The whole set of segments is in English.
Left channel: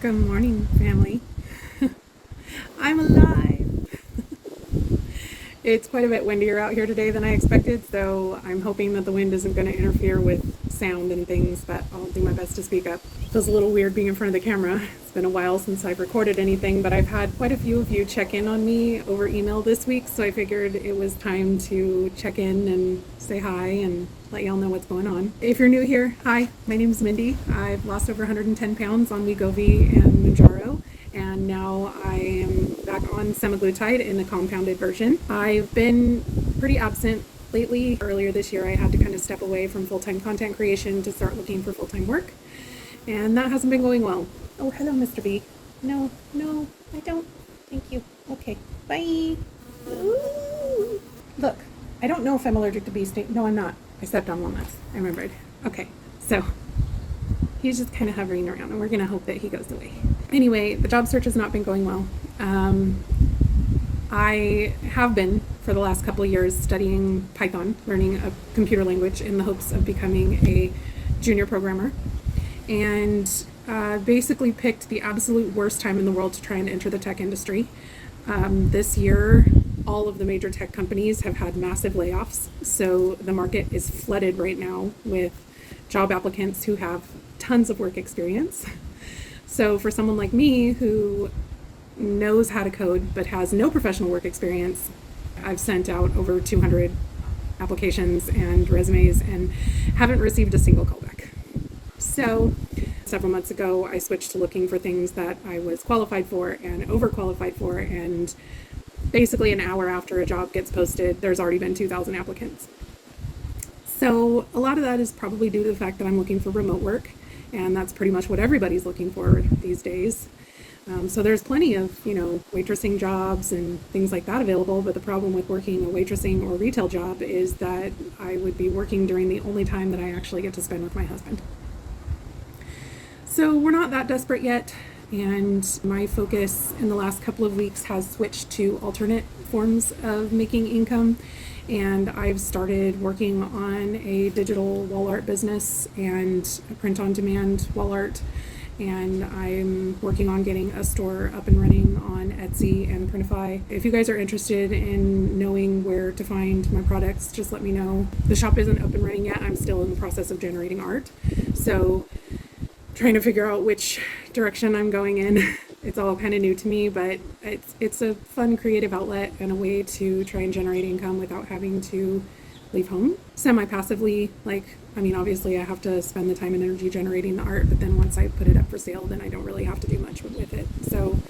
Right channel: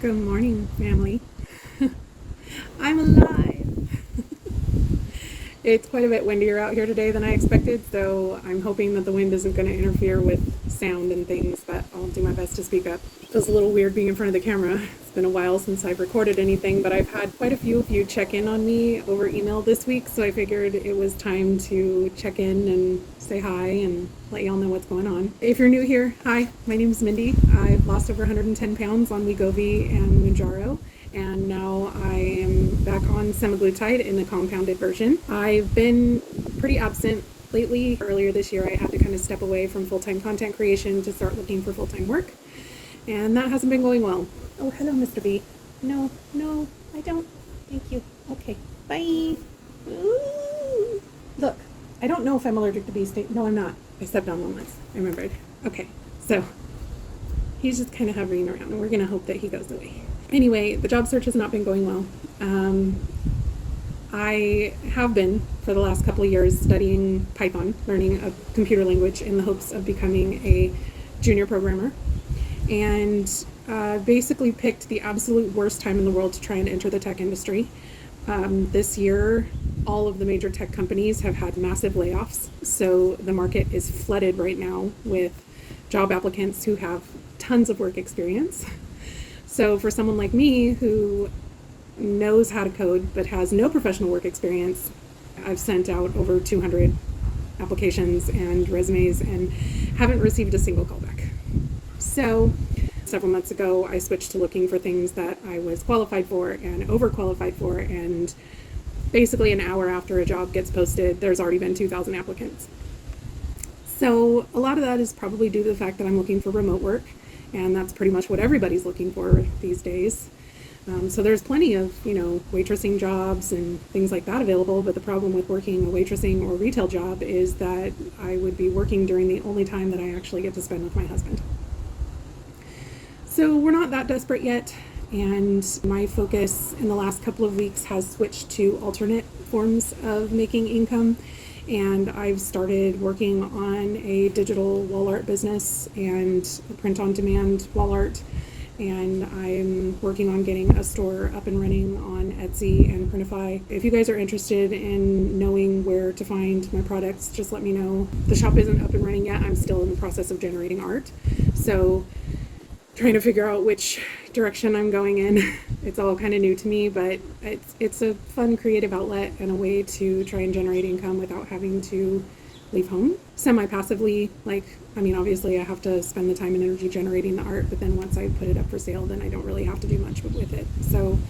Good morning, family. I'm alive. It's quite a bit windier out here today than I expected, so I'm hoping that the wind isn't going to interfere with sound and things, but I'll do my best to speak up. It was a little weird being in front of the camera. It's been a while since I've recorded anything, but I've had quite a few of you check in on me over email this week, so I figured it was time to check in and say hi and let y'all know what's going on. If you're new here, hi, my name's Mindy. I've lost over 110 pounds on Wegovy and Jello, and now I am back on Semaglutide in the compounded version. I've been pretty absent lately. Earlier this year, I had to kind of step away from full-time content creation to start looking for full-time work, and that hasn't been going well. Oh, hello, Mr. B. No, I don't. Thank you. Okay, bye. Ooh. Look, I don't know if I'm allergic to bee sting. No, I'm not. I stepped on one once. I remembered. Okay, so he's just kind of hovering around, and we're going to hope that he goes away. Anyway, the job search has not been going well. I have been, for the last couple of years, studying Python, learning a computer language in the hopes of becoming a junior programmer, and basically picked the absolute worst time in the world to try and enter the tech industry. This year, all of the major tech companies have had massive layoffs, so the market is flooded right now with job applicants who have tons of work experience. So for someone like me who knows how to code but has no professional work experience, I've sent out over 200 applications and resumes and haven't received a single callback. So several months ago, I switched to looking for things that I was qualified for and overqualified for, and basically an hour after a job gets posted, there's already been 2,000 applicants. So a lot of that is probably due to the fact that I'm looking for remote work, and that's pretty much what everybody's looking for these days. So there's plenty of, waitressing jobs and things like that available, but the problem with working a waitressing or retail job is that I would be working during the only time that I actually get to spend with my husband. So we're not that desperate yet, and my focus in the last couple of weeks has switched to alternate forms of making income, and I've started working on a digital wall art business and a print-on-demand wall art, and I'm working on getting a store up and running on Etsy and Printify. If you guys are interested in knowing where to find my products, just let me know. The shop isn't up and running yet. I'm still in the process of generating art, so trying to figure out which direction I'm going in. It's all kind of new to me, but it's a fun creative outlet and a way to try and generate income without having to leave home. Semi-passively, obviously I have to spend the time and energy generating the art, but then once I put it up for sale, then I don't really have to do much with it. So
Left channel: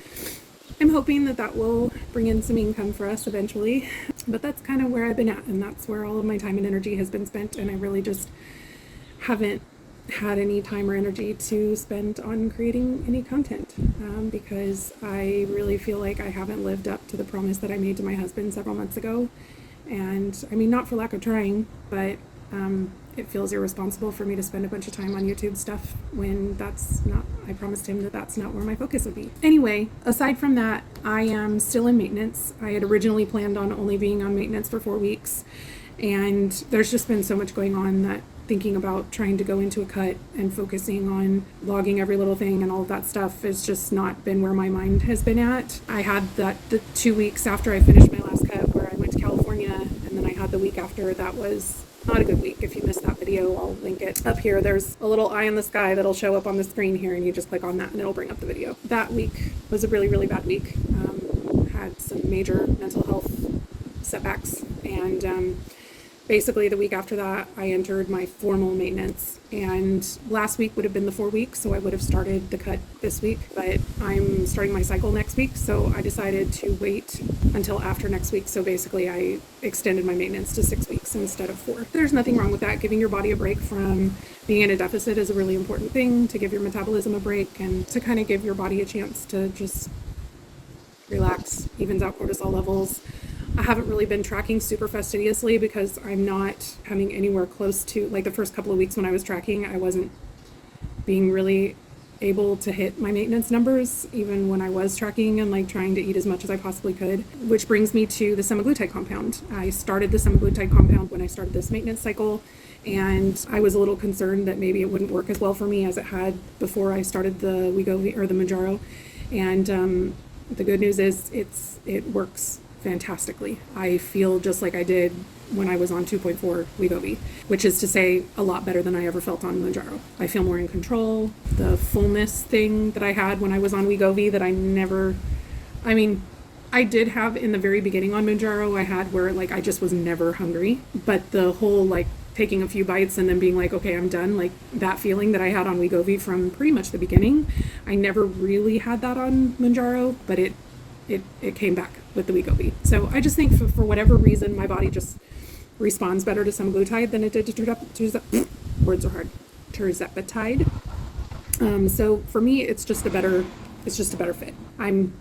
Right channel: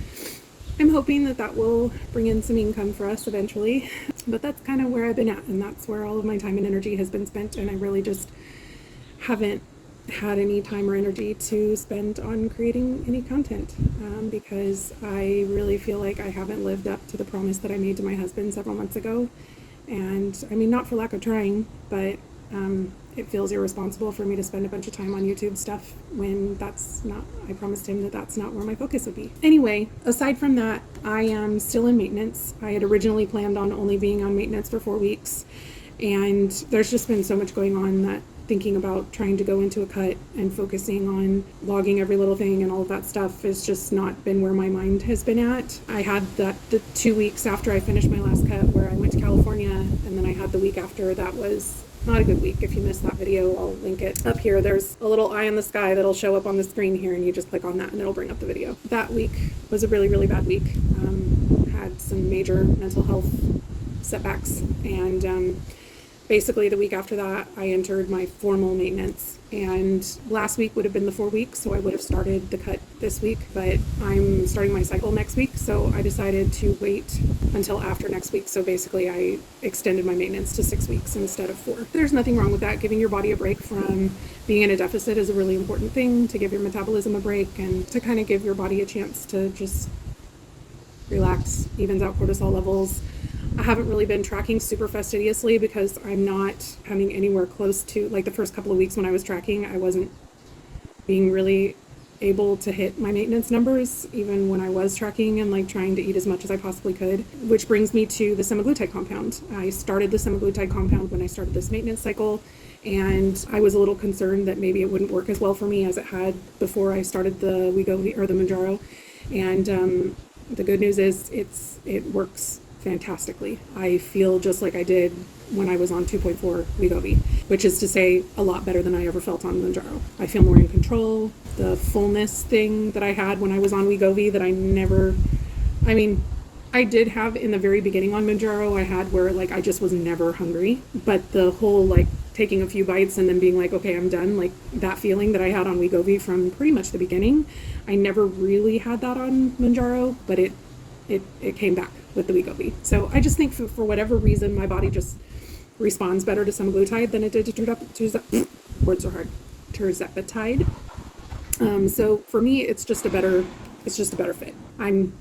I'm hoping that will bring in some income for us eventually. But that's kind of where I've been at, and that's where all of my time and energy has been spent, and I really just haven't had any time or energy to spend on creating any content, because I really feel like I haven't lived up to the promise that I made to my husband several months ago. And not for lack of trying, but it feels irresponsible for me to spend a bunch of time on YouTube stuff when I promised him that that's not where my focus would be. Anyway, aside from that, I am still in maintenance. I had originally planned on only being on maintenance for 4 weeks, and there's just been so much going on that thinking about trying to go into a cut and focusing on logging every little thing and all of that stuff has just not been where my mind has been at. I had the 2 weeks after I finished my last cut where I went to California, and then I had the week after that was not a good week. If you missed that video, I'll link it up here. There's a little eye in the sky that'll show up on the screen here, and you just click on that and it'll bring up the video. That week was a really, really bad week. Had some major mental health setbacks, and basically the week after that, I entered my formal maintenance, and last week would have been the 4 weeks, so I would have started the cut this week, but I'm starting my cycle next week, so I decided to wait until after next week. So basically I extended my maintenance to 6 weeks instead of 4. There's nothing wrong with that. Giving your body a break from being in a deficit is a really important thing, to give your metabolism a break and to kind of give your body a chance to just relax, evens out cortisol levels. I haven't really been tracking super fastidiously because I'm not coming anywhere close to, the first couple of weeks when I was tracking, I wasn't being really able to hit my maintenance numbers, even when I was tracking and trying to eat as much as I possibly could, which brings me to the semaglutide compound. I started the semaglutide compound when I started this maintenance cycle, And I was a little concerned that maybe it wouldn't work as well for me as it had before I started the Wegovy or the Mounjaro. And the good news is it works fantastically. I feel just like I did when I was on 2.4 Wegovy, which is to say a lot better than I ever felt on Mounjaro. I feel more in control. The fullness thing that I had when I was on Wegovy that I did have in the very beginning on Mounjaro, I had where like I just was never hungry, but the whole like taking a few bites and then being like, okay, I'm done, like that feeling that I had on Wegovy from pretty much the beginning, I never really had that on Mounjaro, but it came back with the Wegovy. So I just think for whatever reason, my body just responds better to semaglutide than it did to tirzepatide. So for me, it's just a better fit. I'm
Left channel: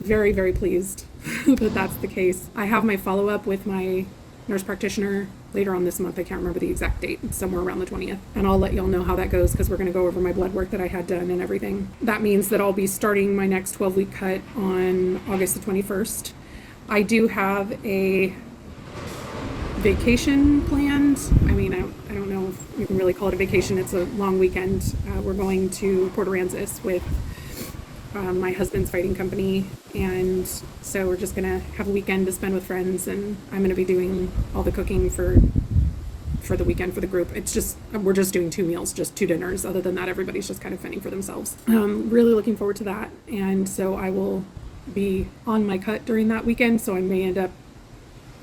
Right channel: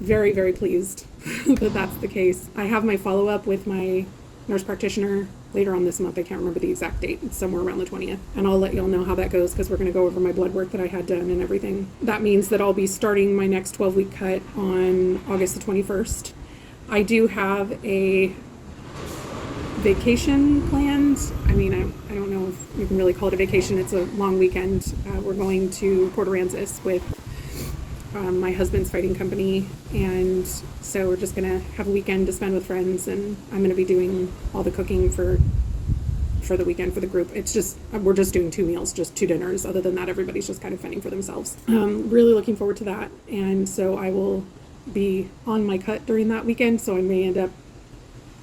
very, very pleased that that's the case. I have my follow-up with my nurse practitioner later on this month. I can't remember the exact date. It's somewhere around the 20th. And I'll let y'all know how that goes because we're going to go over my blood work that I had done and everything. That means that I'll be starting my next 12-week cut on August the 21st. I do have a vacation planned. I mean, I don't know if you can really call it a vacation. It's a long weekend. We're going to Port Aransas with my husband's fighting company, and so we're just gonna have a weekend to spend with friends, and I'm gonna be doing all the cooking for the weekend for the group. It's just we're just doing 2 meals, just 2 dinners. Other than that, everybody's just kind of fending for themselves. Really looking forward to that, and so I will be on my cut during that weekend, so I may end up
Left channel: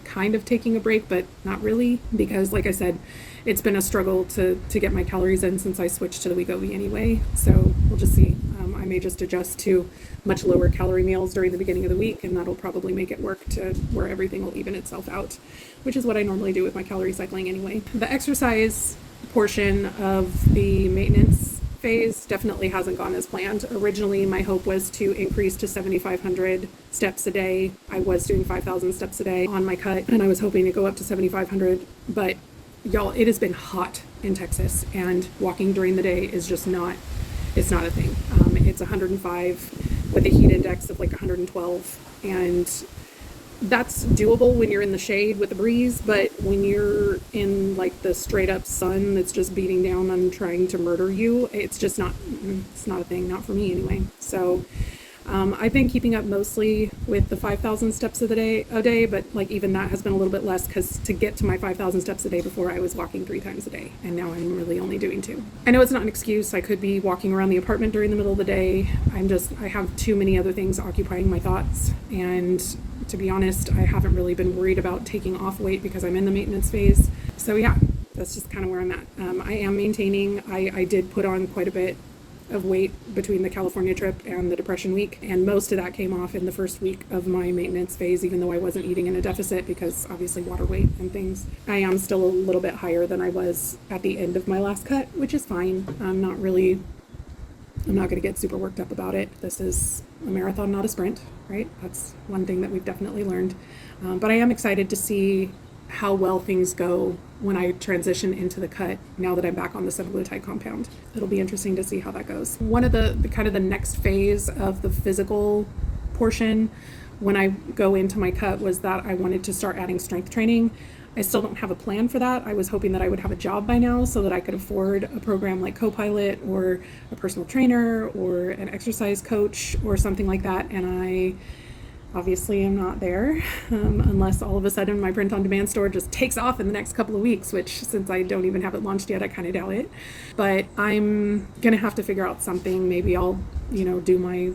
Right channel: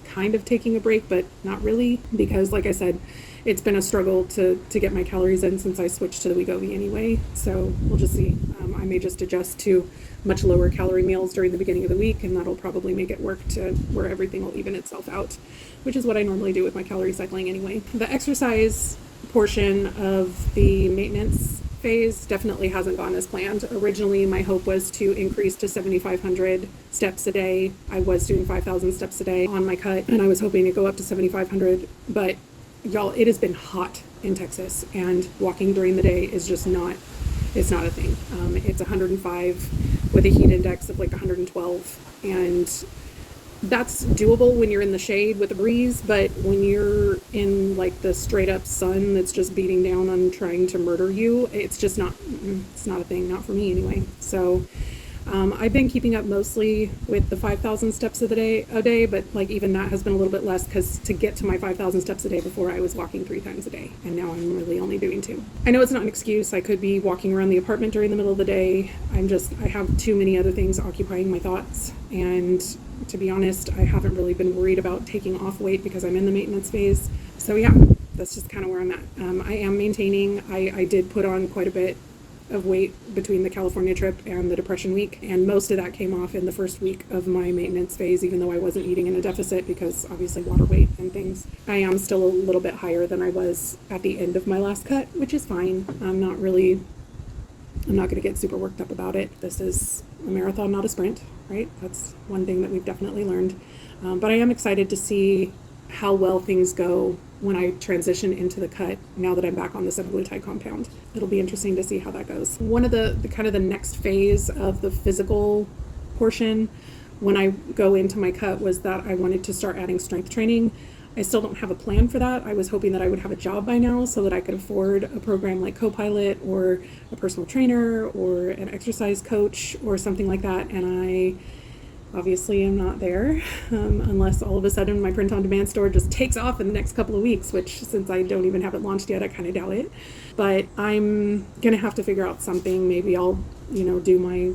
kind of taking a break, but not really, because like I said, it's been a struggle to get my calories in since I switched to the Wegovy anyway. So we'll just see. I may just adjust to much lower calorie meals during the beginning of the week, and that'll probably make it work to where everything will even itself out, which is what I normally do with my calorie cycling anyway. The exercise portion of the maintenance phase definitely hasn't gone as planned. Originally, my hope was to increase to 7,500 steps a day. I was doing 5,000 steps a day on my cut, and I was hoping to go up to 7,500, but y'all, it has been hot in Texas, and walking during the day is just not, it's not a thing. It's 105 with a heat index of like 112, and that's doable when you're in the shade with a breeze, but when you're in like the straight up sun that's just beating down on trying to murder you, it's just not, it's not a thing, not for me anyway. So I've been keeping up mostly with the 5,000 steps a day, but like even that has been a little bit less, because to get to my 5,000 steps a day before, I was walking 3 times a day, and now I'm really only doing 2. I know it's not an excuse. I could be walking around the apartment during the middle of the day. I have too many other things occupying my thoughts, and to be honest, I haven't really been worried about taking off weight because I'm in the maintenance phase. So yeah, that's just kind of where I'm at. I am maintaining. I did put on quite a bit of weight between the California trip and the depression week, and most of that came off in the first week of my maintenance phase, even though I wasn't eating in a deficit because obviously water weight and things. I am still a little bit higher than I was at the end of my last cut, which is fine. I'm not going to get super worked up about it. This is a marathon, not a sprint, right? That's one thing that we've definitely learned. But I am excited to see how well things go when I transition into the cut now that I'm back on the semaglutide compound. It'll be interesting to see how that goes. One of the kind of the next phase of the physical portion when I go into my cut was that I wanted to start adding strength training. I still don't have a plan for that. I was hoping that I would have a job by now so that I could afford a program like Copilot or a personal trainer or an exercise coach or something like that, and I obviously am not there, unless all of a sudden my print-on-demand store just takes off in the next couple of weeks, which since I don't even have it launched yet, I kind of doubt it. But I'm gonna have to figure out something. Maybe I'll, do my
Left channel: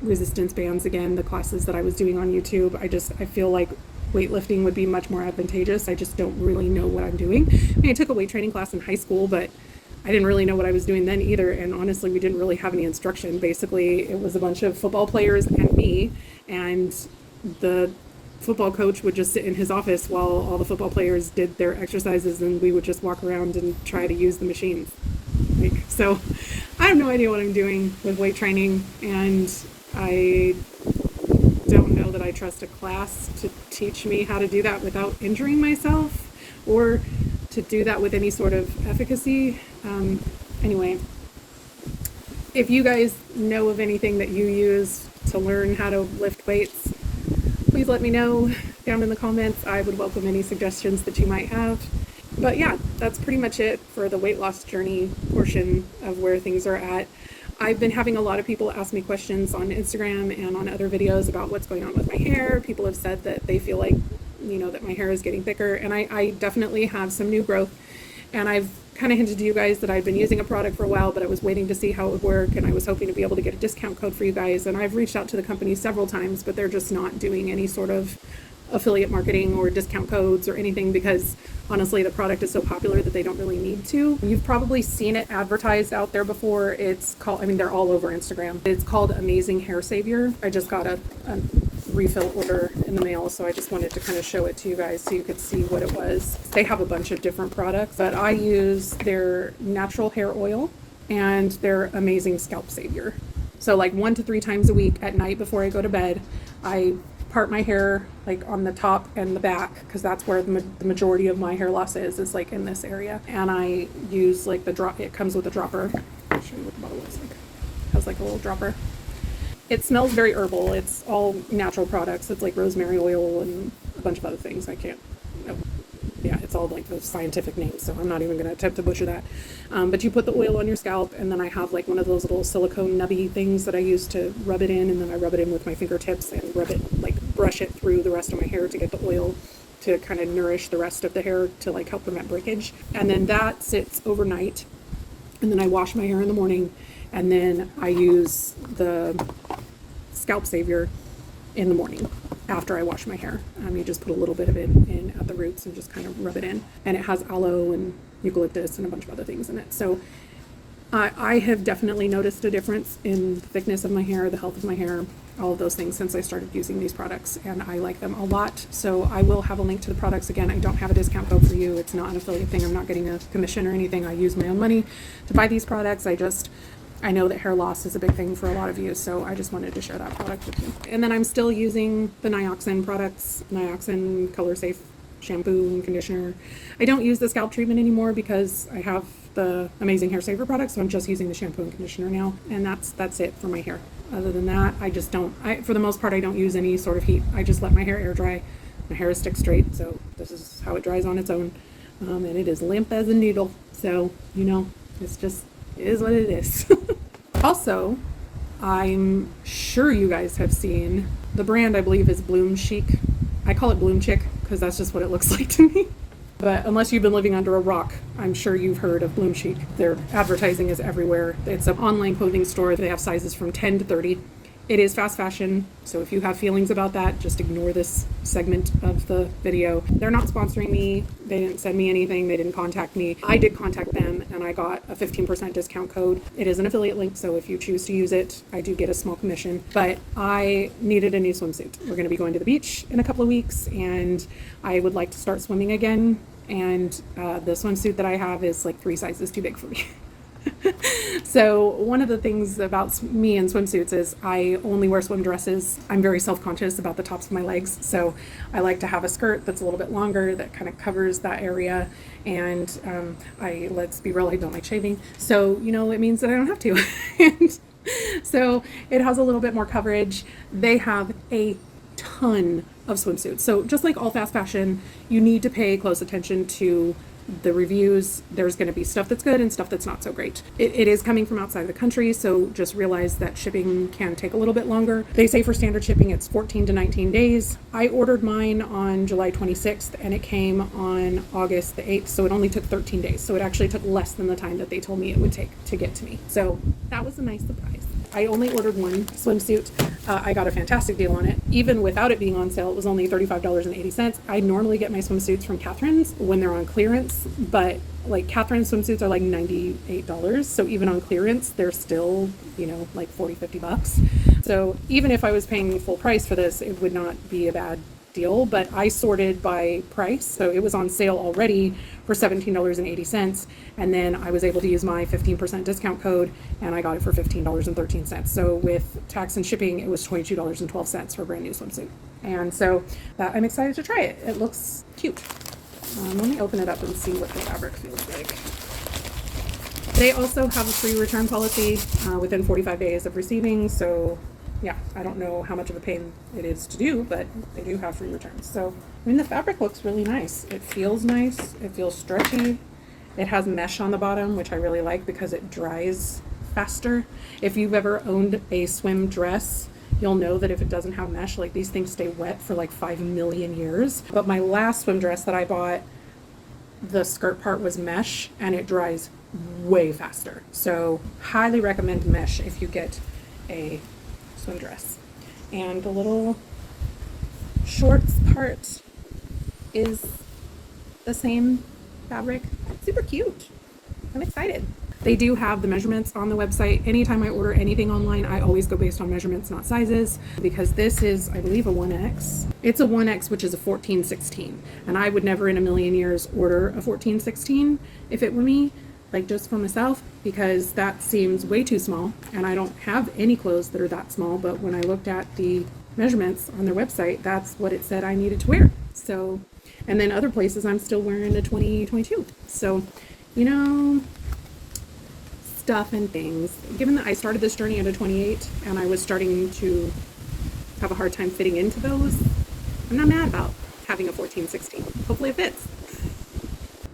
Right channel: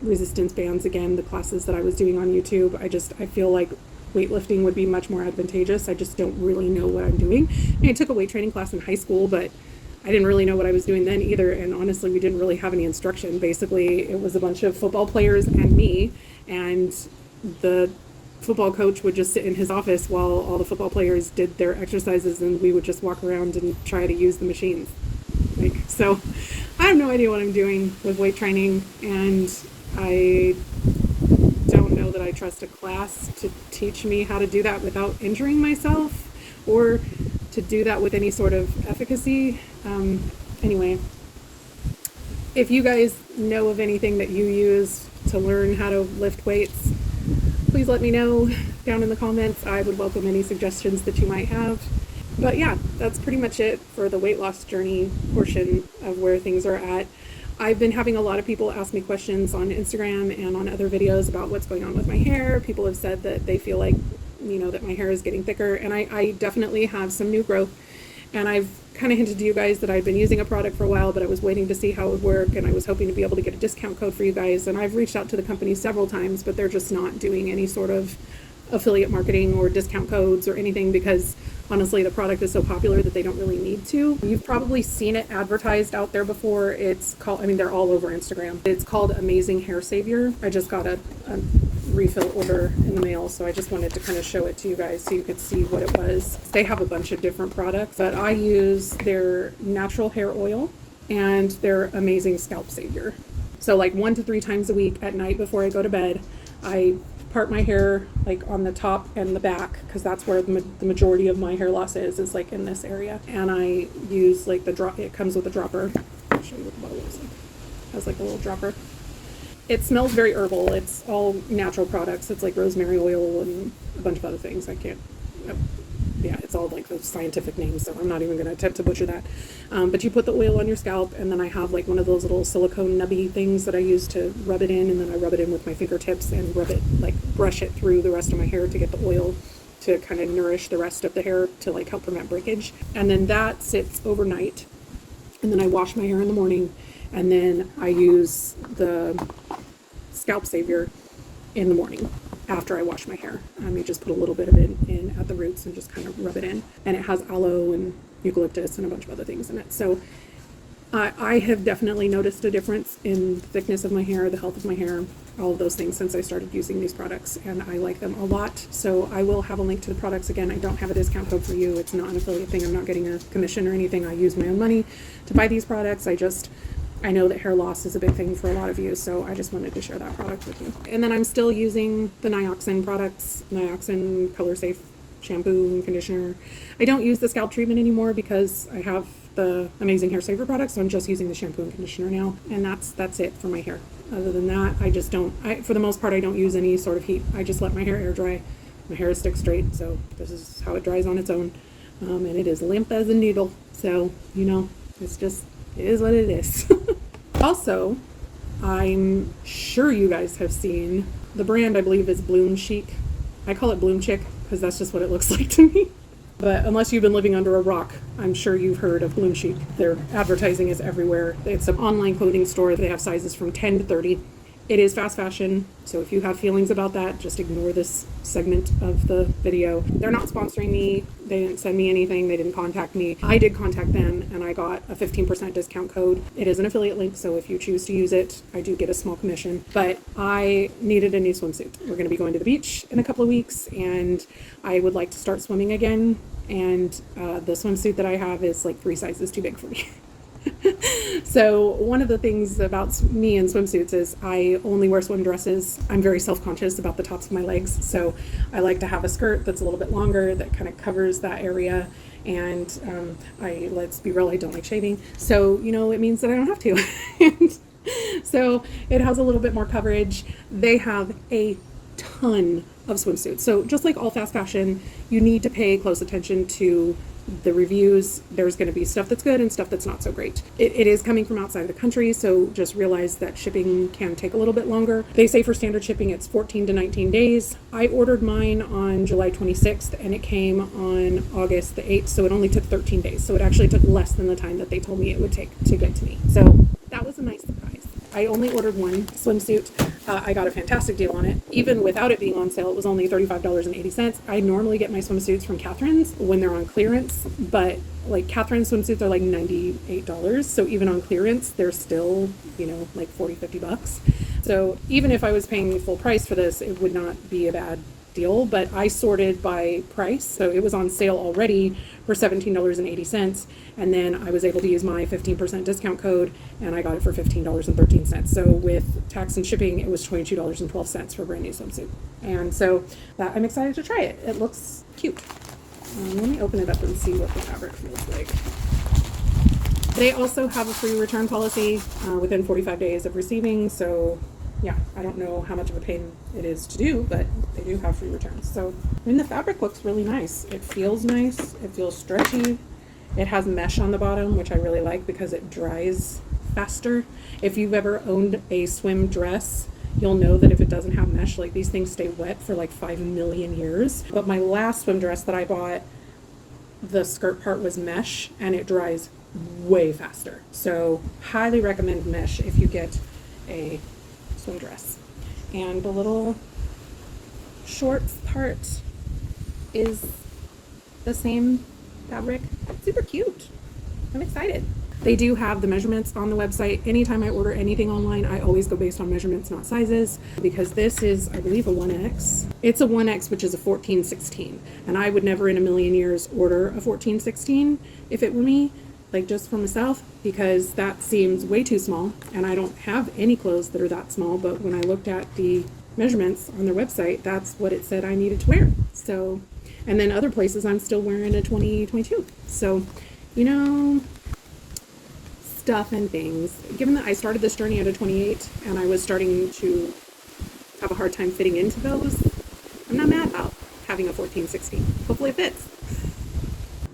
resistance bands again, the classes that I was doing on YouTube. I feel like weightlifting would be much more advantageous. I just don't really know what I'm doing. I took a weight training class in high school, but I didn't really know what I was doing then either, and honestly, we didn't really have any instruction. Basically, it was a bunch of football players and me, and the football coach would just sit in his office while all the football players did their exercises, and we would just walk around and try to use the machines. So I have no idea what I'm doing with weight training, and I don't know that I trust a class to teach me how to do that without injuring myself, or to do that with any sort of efficacy. Anyway, if you guys know of anything that you use to learn how to lift weights, please let me know down in the comments. I would welcome any suggestions that you might have. But yeah, that's pretty much it for the weight loss journey portion of where things are at. I've been having a lot of people ask me questions on Instagram and on other videos about what's going on with my hair. People have said that they feel like, that my hair is getting thicker, and I definitely have some new growth. And I've kind of hinted to you guys that I've been using a product for a while, but I was waiting to see how it would work, and I was hoping to be able to get a discount code for you guys. And I've reached out to the company several times, but they're just not doing any sort of affiliate marketing or discount codes or anything, because honestly the product is so popular that they don't really need to. You've probably seen it advertised out there before. It's called, they're all over Instagram. It's called Amazing Hair Savior. I just got a refill order in the mail, so I just wanted to kind of show it to you guys so you could see what it was. They have a bunch of different products, but I use their natural hair oil and their Amazing Scalp Savior. So like 1 to 3 times a week at night before I go to bed, I part my hair like on the top and the back, because that's where the majority of my hair loss is like in this area. And I use like the drop. It comes with a dropper. I'll show you what the model looks like. It has like a little dropper. It smells very herbal. It's all natural products. It's like rosemary oil and a bunch of other things. I can't, yeah, it's all like the scientific names, so I'm not even going to attempt to butcher that. But you put the oil on your scalp, and then I have like one of those little silicone nubby things that I use to rub it in, and then I rub it in with my fingertips and rub it, like brush it through the rest of my hair to get the oil to kind of nourish the rest of the hair to like help prevent breakage. And then that sits overnight, and then I wash my hair in the morning, and then I use the Scalp Savior in the morning after I wash my hair. You just put a little bit of it in at the roots and just kind of rub it in. And it has aloe and eucalyptus and a bunch of other things in it. So I have definitely noticed a difference in the thickness of my hair, the health of my hair, all of those things since I started using these products, and I like them a lot. So I will have a link to the products. Again, I don't have a discount code for you. It's not an affiliate thing. I'm not getting a commission or anything. I use my own money to buy these products. I know that hair loss is a big thing for a lot of you, so I just wanted to share that product with you. And then I'm still using the Nioxin products, Nioxin Color Safe shampoo and conditioner. I don't use the scalp treatment anymore because I have the Amazing Hair Saver products, so I'm just using the shampoo and conditioner now, and that's it for my hair. Other than that, I just don't, for the most part, I don't use any sort of heat. I just let my hair air dry. My hair is stick straight, so this is how it dries on its own. And it is limp as a needle, so, it's just, it is what it is. Also, I'm sure you guys have seen the brand. I believe is BloomChic. I call it BloomChic because that's just what it looks like to me. But unless you've been living under a rock, I'm sure you've heard of BloomChic. Their advertising is everywhere. It's an online clothing store. They have sizes from 10 to 30. It is fast fashion, so if you have feelings about that, just ignore this segment of the video. They're not sponsoring me. They didn't send me anything. They didn't contact me. I did contact them, and I got a 15% discount code. It is an affiliate link, so if you choose to use it, I do get a small commission. But I needed a new swimsuit. We're going to be going to the beach in a couple of weeks, and I would like to start swimming again. And the swimsuit that I have is like 3 sizes too big for me. So one of the things about me and swimsuits is I only wear swim dresses. I'm very self-conscious about the tops of my legs, so I like to have a skirt that's a little bit longer that kind of covers that area. And let's be real, I don't like shaving, so it means that I don't have to. And so it has a little bit more coverage. They have a ton of swimsuits, so just like all fast fashion, you need to pay close attention to the reviews. There's going to be stuff that's good and stuff that's not so great. It is coming from outside of the country, so just realize that shipping can take a little bit longer. They say for standard shipping it's 14 to 19 days. I ordered mine on July 26th and it came on August the 8th, so it only took 13 days. So it actually took less than the time that they told me it would take to get to me. So that was a nice surprise. I only ordered one swimsuit. I got a fantastic deal on it. Even without it being on sale, it was only $35.80. I normally get my swimsuits from Catherine's when they're on clearance, but like Catherine's swimsuits are like $98. So even on clearance, they're still, like 40, 50 bucks. So even if I was paying full price for this, it would not be a bad deal, but I sorted by price. So it was on sale already for $17.80, and then I was able to use my 15% discount code, and I got it for $15.13. So with tax and shipping, it was $22.12 for a brand new swimsuit. And so I'm excited to try it. It looks cute. Let me open it up and see what the fabric feels like. They also have a free return policy within 45 days of receiving. So yeah, I don't know how much of a pain it is to do, but they do have free returns. So, I mean, the fabric looks really nice. It feels nice. It feels stretchy. It has mesh on the bottom, which I really like because it dries faster. If you've ever owned a swim dress, you'll know that if it doesn't have mesh, like these things stay wet for like 5 million years. But my last swim dress that I bought, the skirt part was mesh and it dries way faster. So highly recommend mesh if you get a swim dress. And the little shorts part is the same fabric. Super cute. I'm excited. They do have the measurements on the website. Anytime I order anything online, I always go based on measurements, not sizes, because this is, I believe, a 1X. It's a 1X, which is a 14-16. And I would never in a million years order a 14-16 if it were me, like just for myself, because that seems way too small. And I don't have any clothes that are that small, but when I looked at the measurements on their website, that's what it said I needed to wear. So, and then other places I'm still wearing a 20-22. So, you know, stuff and things. Given that I started this journey at a 28 and I was starting to have a hard time fitting into those, I'm not mad about having a 14-16. Hopefully it fits.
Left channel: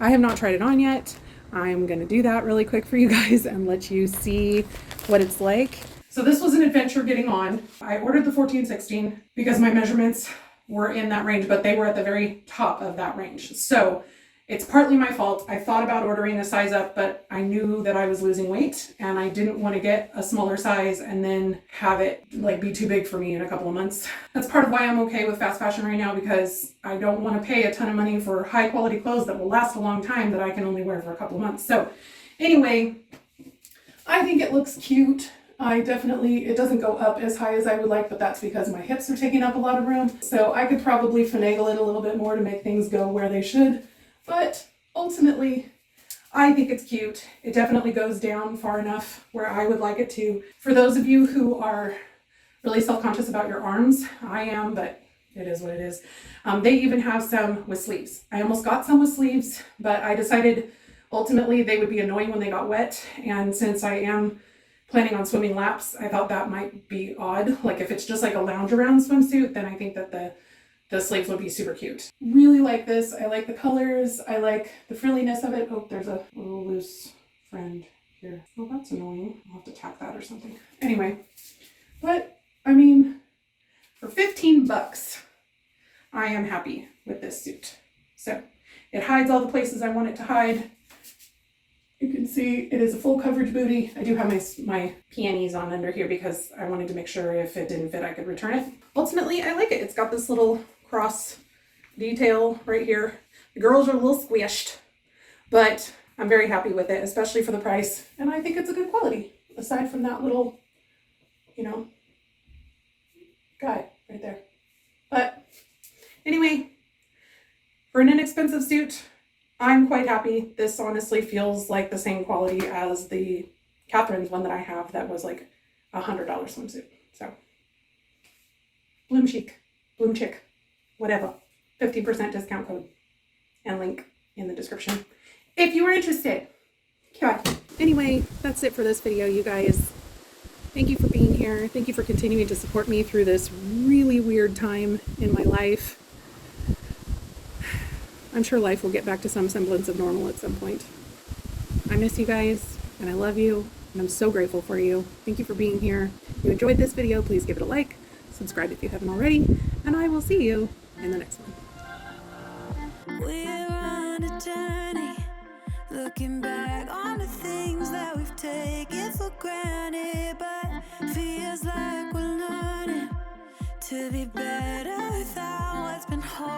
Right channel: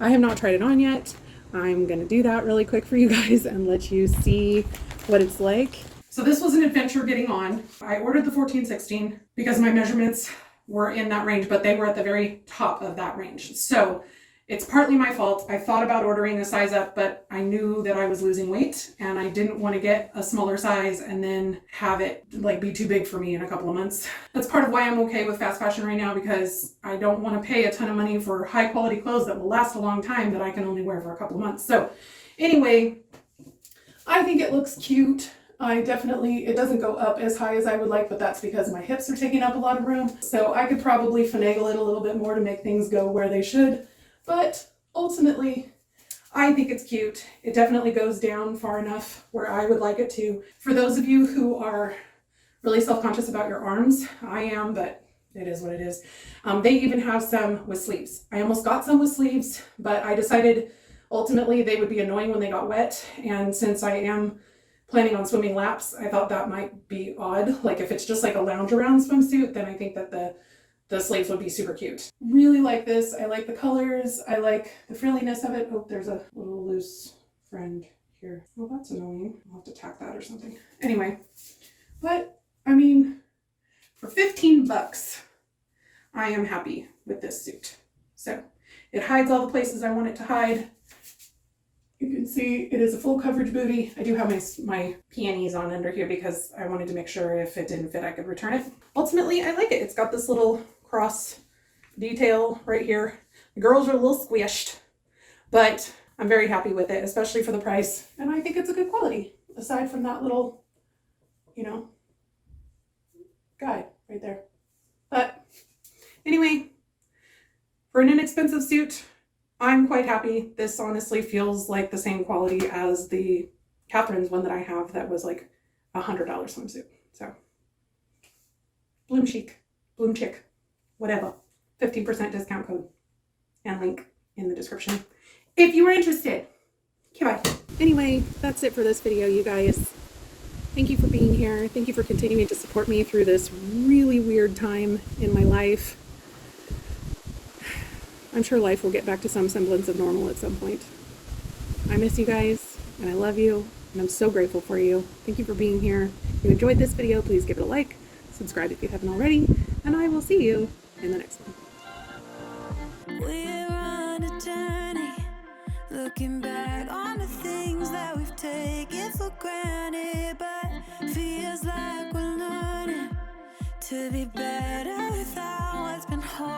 I have not tried it on yet. I'm going to do that really quick for you guys and let you see what it's like. So this was an adventure getting on. I ordered the 14-16 because my measurements were in that range, but they were at the very top of that range. So it's partly my fault. I thought about ordering a size up, but I knew that I was losing weight and I didn't want to get a smaller size and then have it like be too big for me in a couple of months. That's part of why I'm okay with fast fashion right now, because I don't want to pay a ton of money for high quality clothes that will last a long time that I can only wear for a couple of months. So anyway, I think it looks cute. It doesn't go up as high as I would like, but that's because my hips are taking up a lot of room. So I could probably finagle it a little bit more to make things go where they should. But ultimately, I think it's cute. It definitely goes down far enough where I would like it to. For those of you who are really self-conscious about your arms, I am, but it is what it is. They even have some with sleeves. I almost got some with sleeves, but I decided ultimately they would be annoying when they got wet. And since I am planning on swimming laps, I thought that might be odd. Like if it's just like a lounge around swimsuit, then I think that the sleeves would be super cute. Really like this. I like the colors. I like the frilliness of it. Oh, there's a little loose friend here. Oh, that's annoying. I'll have to tack that or something. Anyway, but I mean, for 15 bucks, I am happy with this suit. So it hides all the places I want it to hide. You can see it is a full coverage booty. I do have my peonies on under here because I wanted to make sure if it didn't fit, I could return it. Ultimately, I like it. It's got this little cross detail right here. The girls are a little squished, but I'm very happy with it, especially for the price. And I think it's a good quality, aside from that little, guy right there. But anyway, for an inexpensive suit, I'm quite happy. This honestly feels like the same quality as the Catherine's one that I have that was like $100 swimsuit. So BloomChic, whatever. 50% discount code and link in the description if you are interested. Okay. Anyway, that's it for this video, you guys. Thank you for being here. Thank you for continuing to support me through this really weird time in my life. I'm sure life will get back to some semblance of normal at some point. I miss you guys, and I love you, and I'm so grateful for you. Thank you for being here. If you enjoyed this video, please give it a like, subscribe if you haven't already, and I will see you in the next one. We're on a journey, looking back on the things that we've taken for granted, but feels like we're learning to be better without what's been holding